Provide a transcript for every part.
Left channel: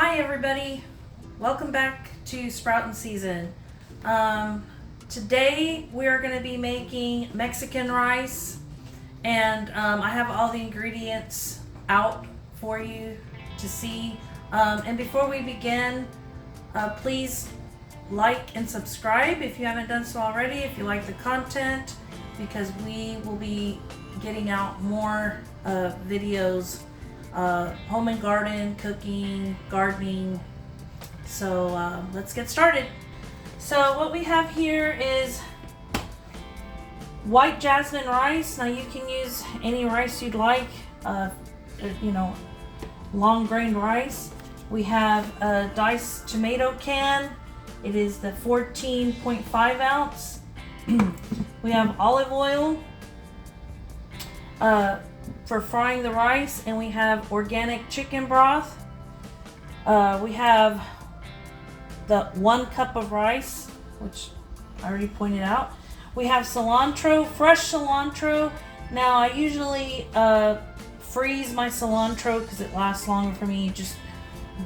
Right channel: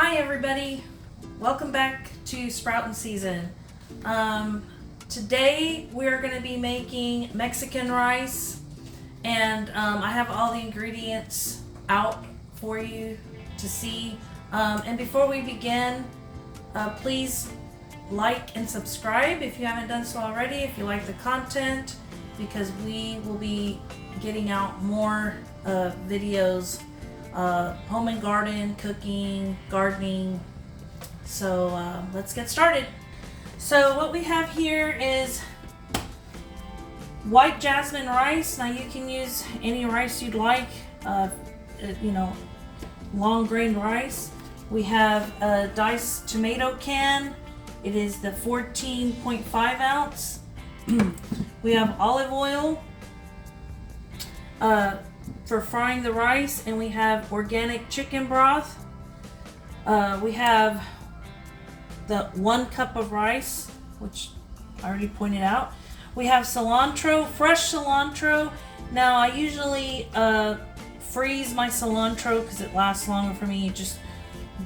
Hi everybody, welcome back to Sproutin' Season. Today we're going to be making Mexican rice, and I have all the ingredients out for you to see. And before we begin, please like and subscribe if you haven't done so already, if you like the content, because we will be getting out more videos, home and garden, cooking, gardening. So let's get started. So what we have here is white jasmine rice. Now you can use any rice you'd like, long grain rice. We have a diced tomato can. It is the 14.5 ounce. We have olive oil for frying the rice, and we have organic chicken broth. We have the 1 cup of rice, which I already pointed out. We have cilantro, fresh cilantro. Now I usually freeze my cilantro because it lasts longer for me. You just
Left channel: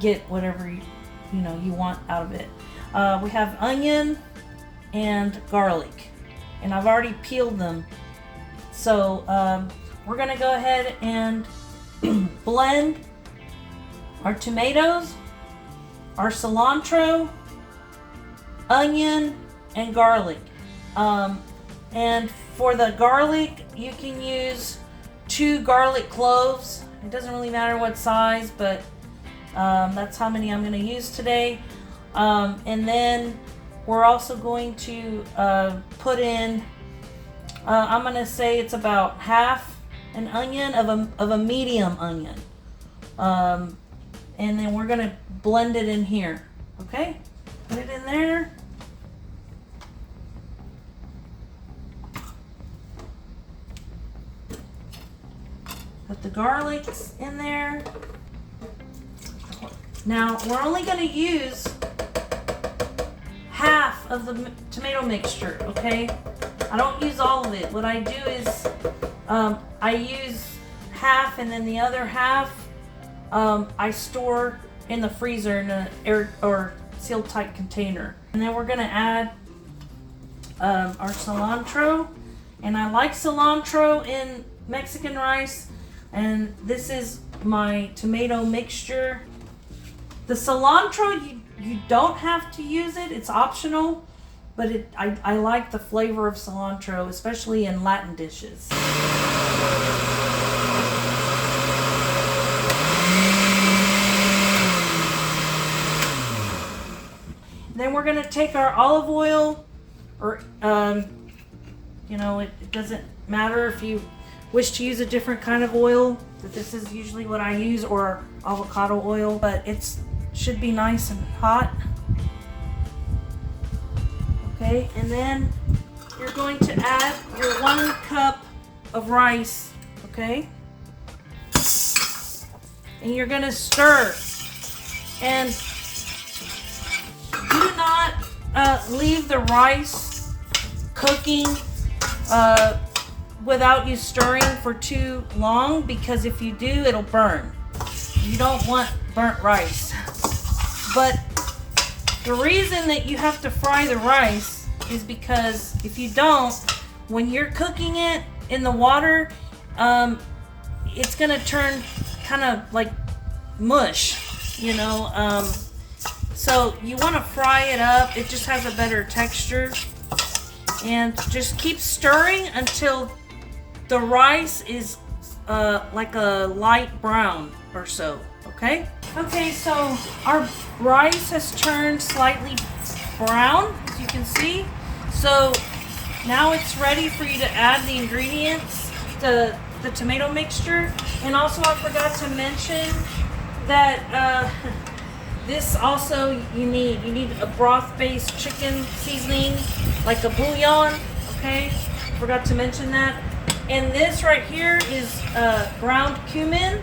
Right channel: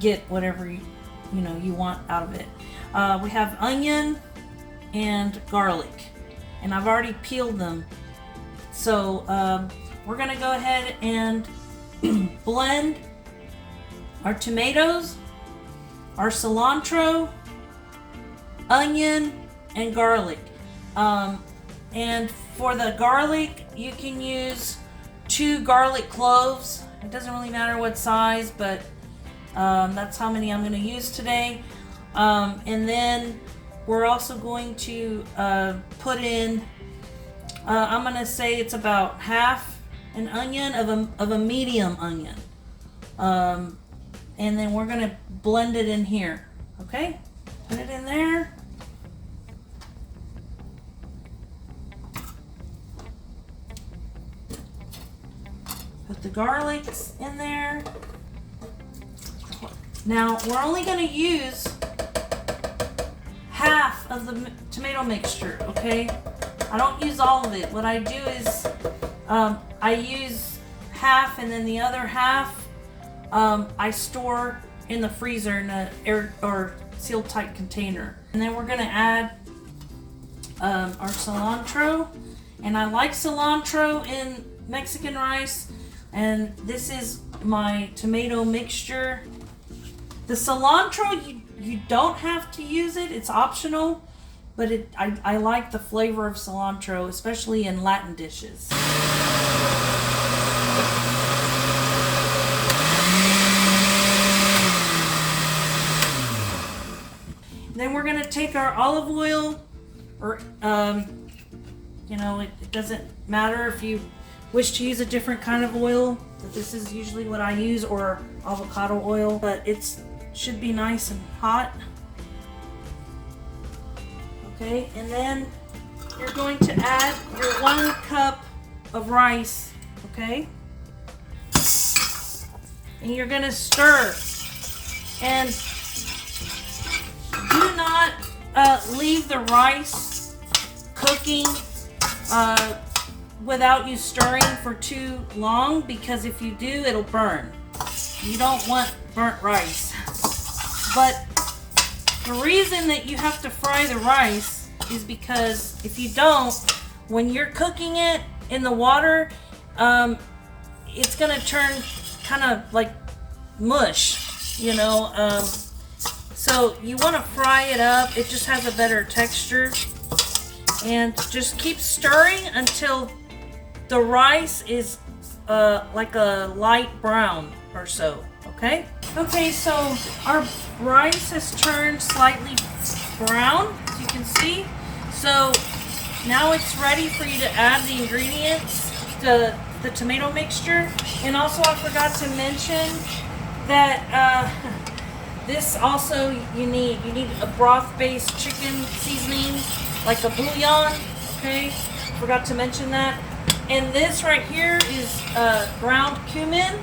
get whatever you want out of it. We have onion and garlic, and I've already peeled them. So we're gonna go ahead and blend our tomatoes, our cilantro, onion, and garlic. And for the garlic, you can use 2 garlic cloves. It doesn't really matter what size, but that's how many I'm going to use today. And then we're also going to put in, I'm going to say it's about half an onion of a medium onion. And then we're going to blend it in here. Okay? Put it in there. Put the garlics in there. Now we're only going to use half of the tomato mixture, okay? I don't use all of it. What I do is I use half, and then the other half I store in the freezer in an air or sealed tight container. And then we're going to add our cilantro, and I like cilantro in Mexican rice. And this is my tomato mixture. The cilantro, you don't have to use it, it's optional, but I like the flavor of cilantro, especially in Latin dishes. Then we're gonna take our olive oil, or it doesn't matter if you wish to use a different kind of oil, but this is usually what I use, or avocado oil, but it should be nice and hot. Okay, and then you're going to add your 1 cup of rice, okay? And you're gonna stir. And do not leave the rice cooking without you stirring for too long, because if you do, it'll burn. You don't want burnt rice. But the reason that you have to fry the rice is because if you don't, when you're cooking it in the water, it's gonna turn kind of like mush, so you want to fry it up. It just has a better texture, and just keep stirring until the rice is like a light brown or so. Okay, so our rice has turned slightly brown, as you can see. So now it's ready for you to add the ingredients, the tomato mixture. And also I forgot to mention that this also you need a broth-based chicken seasoning, like a bullion. Okay, forgot to mention that. And this right here is ground cumin,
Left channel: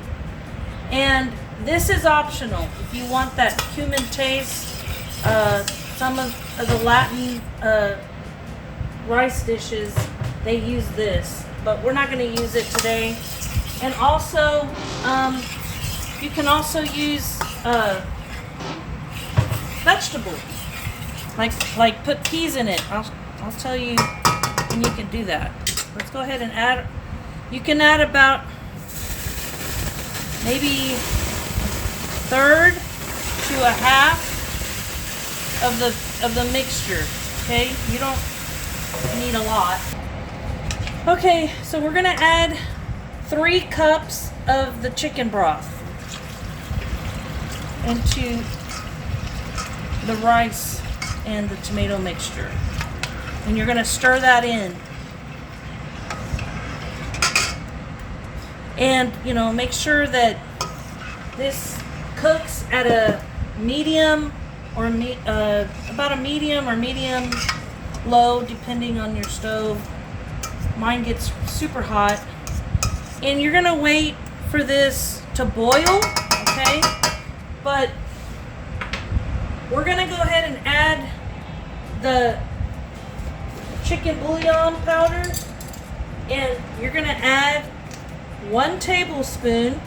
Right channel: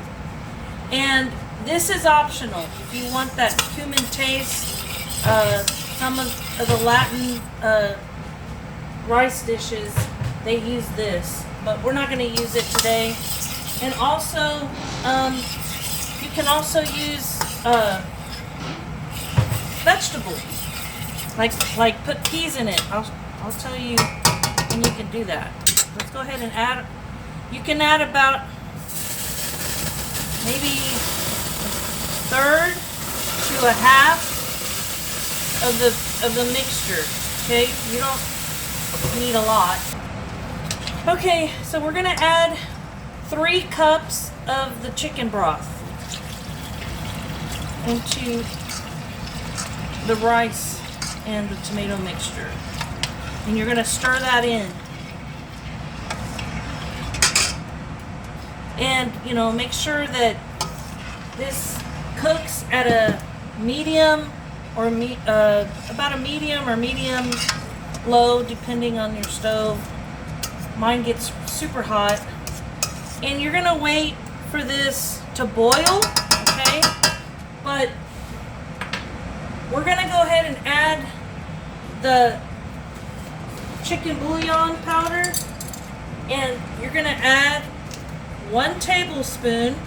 and this is optional if you want that cumin taste. Some of the Latin rice dishes, they use this, but we're not going to use it today. And also, you can also use vegetables. Like put peas in it. I'll tell you when you can do that. Let's go ahead and add. You can add about maybe a third to a half of the mixture. Okay, you don't need a lot. Okay, so we're gonna add 3 cups of the chicken broth into the rice and the tomato mixture. And you're gonna stir that in. And, you know, make sure that this cooks at a medium or about a medium or medium low, depending on your stove. Mine gets super hot. And you're gonna wait for this to boil, okay? But we're gonna go ahead and add the chicken bouillon powder, and you're gonna add 1 tablespoon.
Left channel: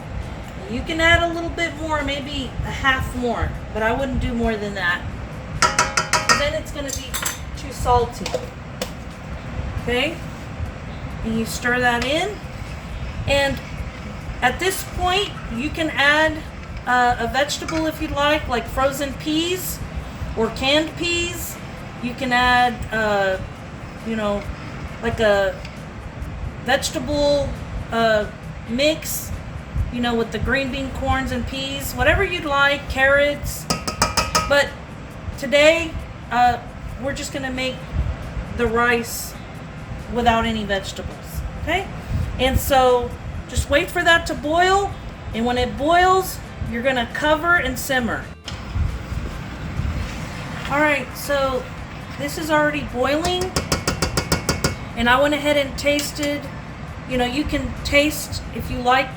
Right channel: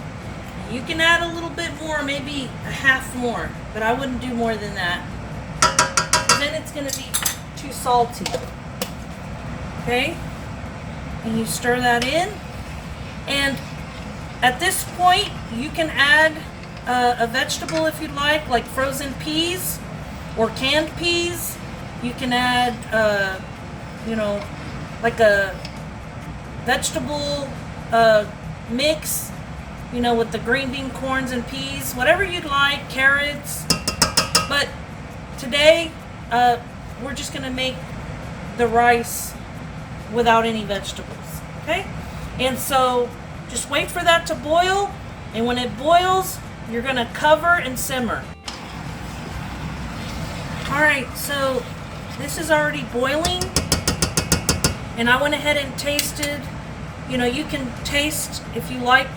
You can add a little bit more, maybe a half more, but I wouldn't do more than that. Then it's gonna be too salty. Okay? And you stir that in. And at this point, you can add a vegetable if you'd like frozen peas or canned peas. You can add, you know, like a vegetable mix, you know, with the green bean, corns, and peas, whatever you'd like, carrots. But today, we're just gonna make the rice without any vegetables, okay? And so just wait for that to boil, and when it boils, you're gonna cover and simmer. All right, so this is already boiling, and I went ahead and tasted. You know, you can taste if you like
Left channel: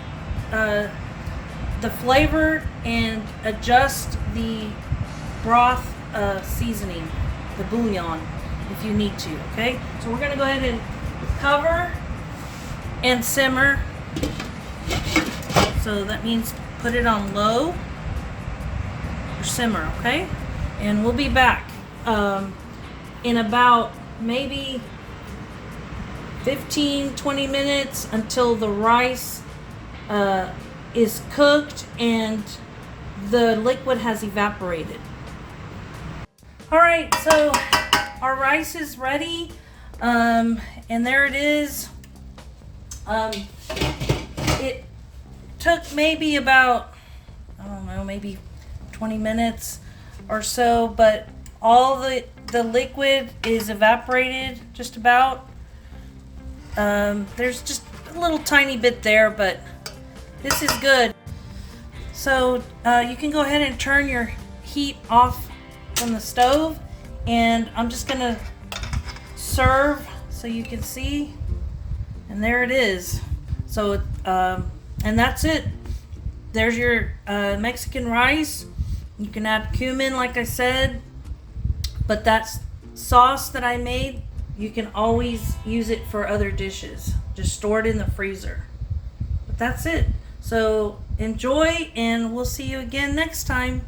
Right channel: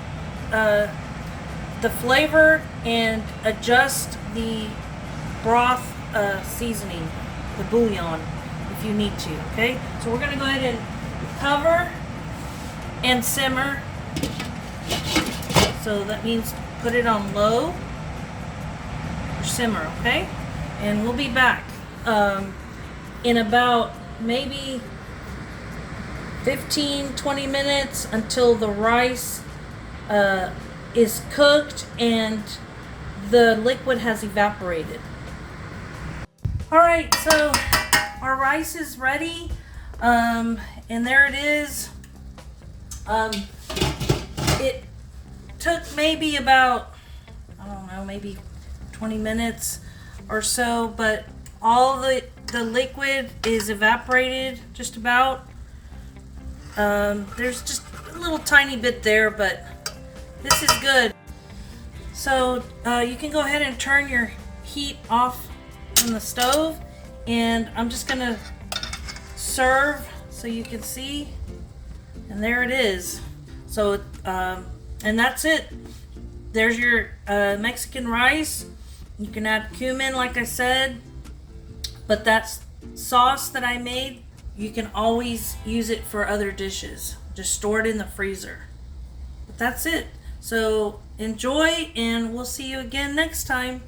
the flavor and adjust the broth seasoning, the bouillon, if you need to, okay? So we're gonna go ahead and cover and simmer. So that means put it on low or simmer, okay? And we'll be back in about maybe 15-20 minutes until the rice is cooked and the liquid has evaporated. All right, so our rice is ready, and there it is. It took maybe about, I don't know, maybe 20 minutes or so, but all the liquid is evaporated just about. There's just a little tiny bit there, but this is good. So you can go ahead and turn your heat off from the stove, and I'm just gonna serve so you can see, and there it is. So and that's it. There's your Mexican rice. You can add cumin, like I said, but that sauce that I made, you can always use it for other dishes. Just store it in the freezer. But that's it. So enjoy, and we'll see you again next time.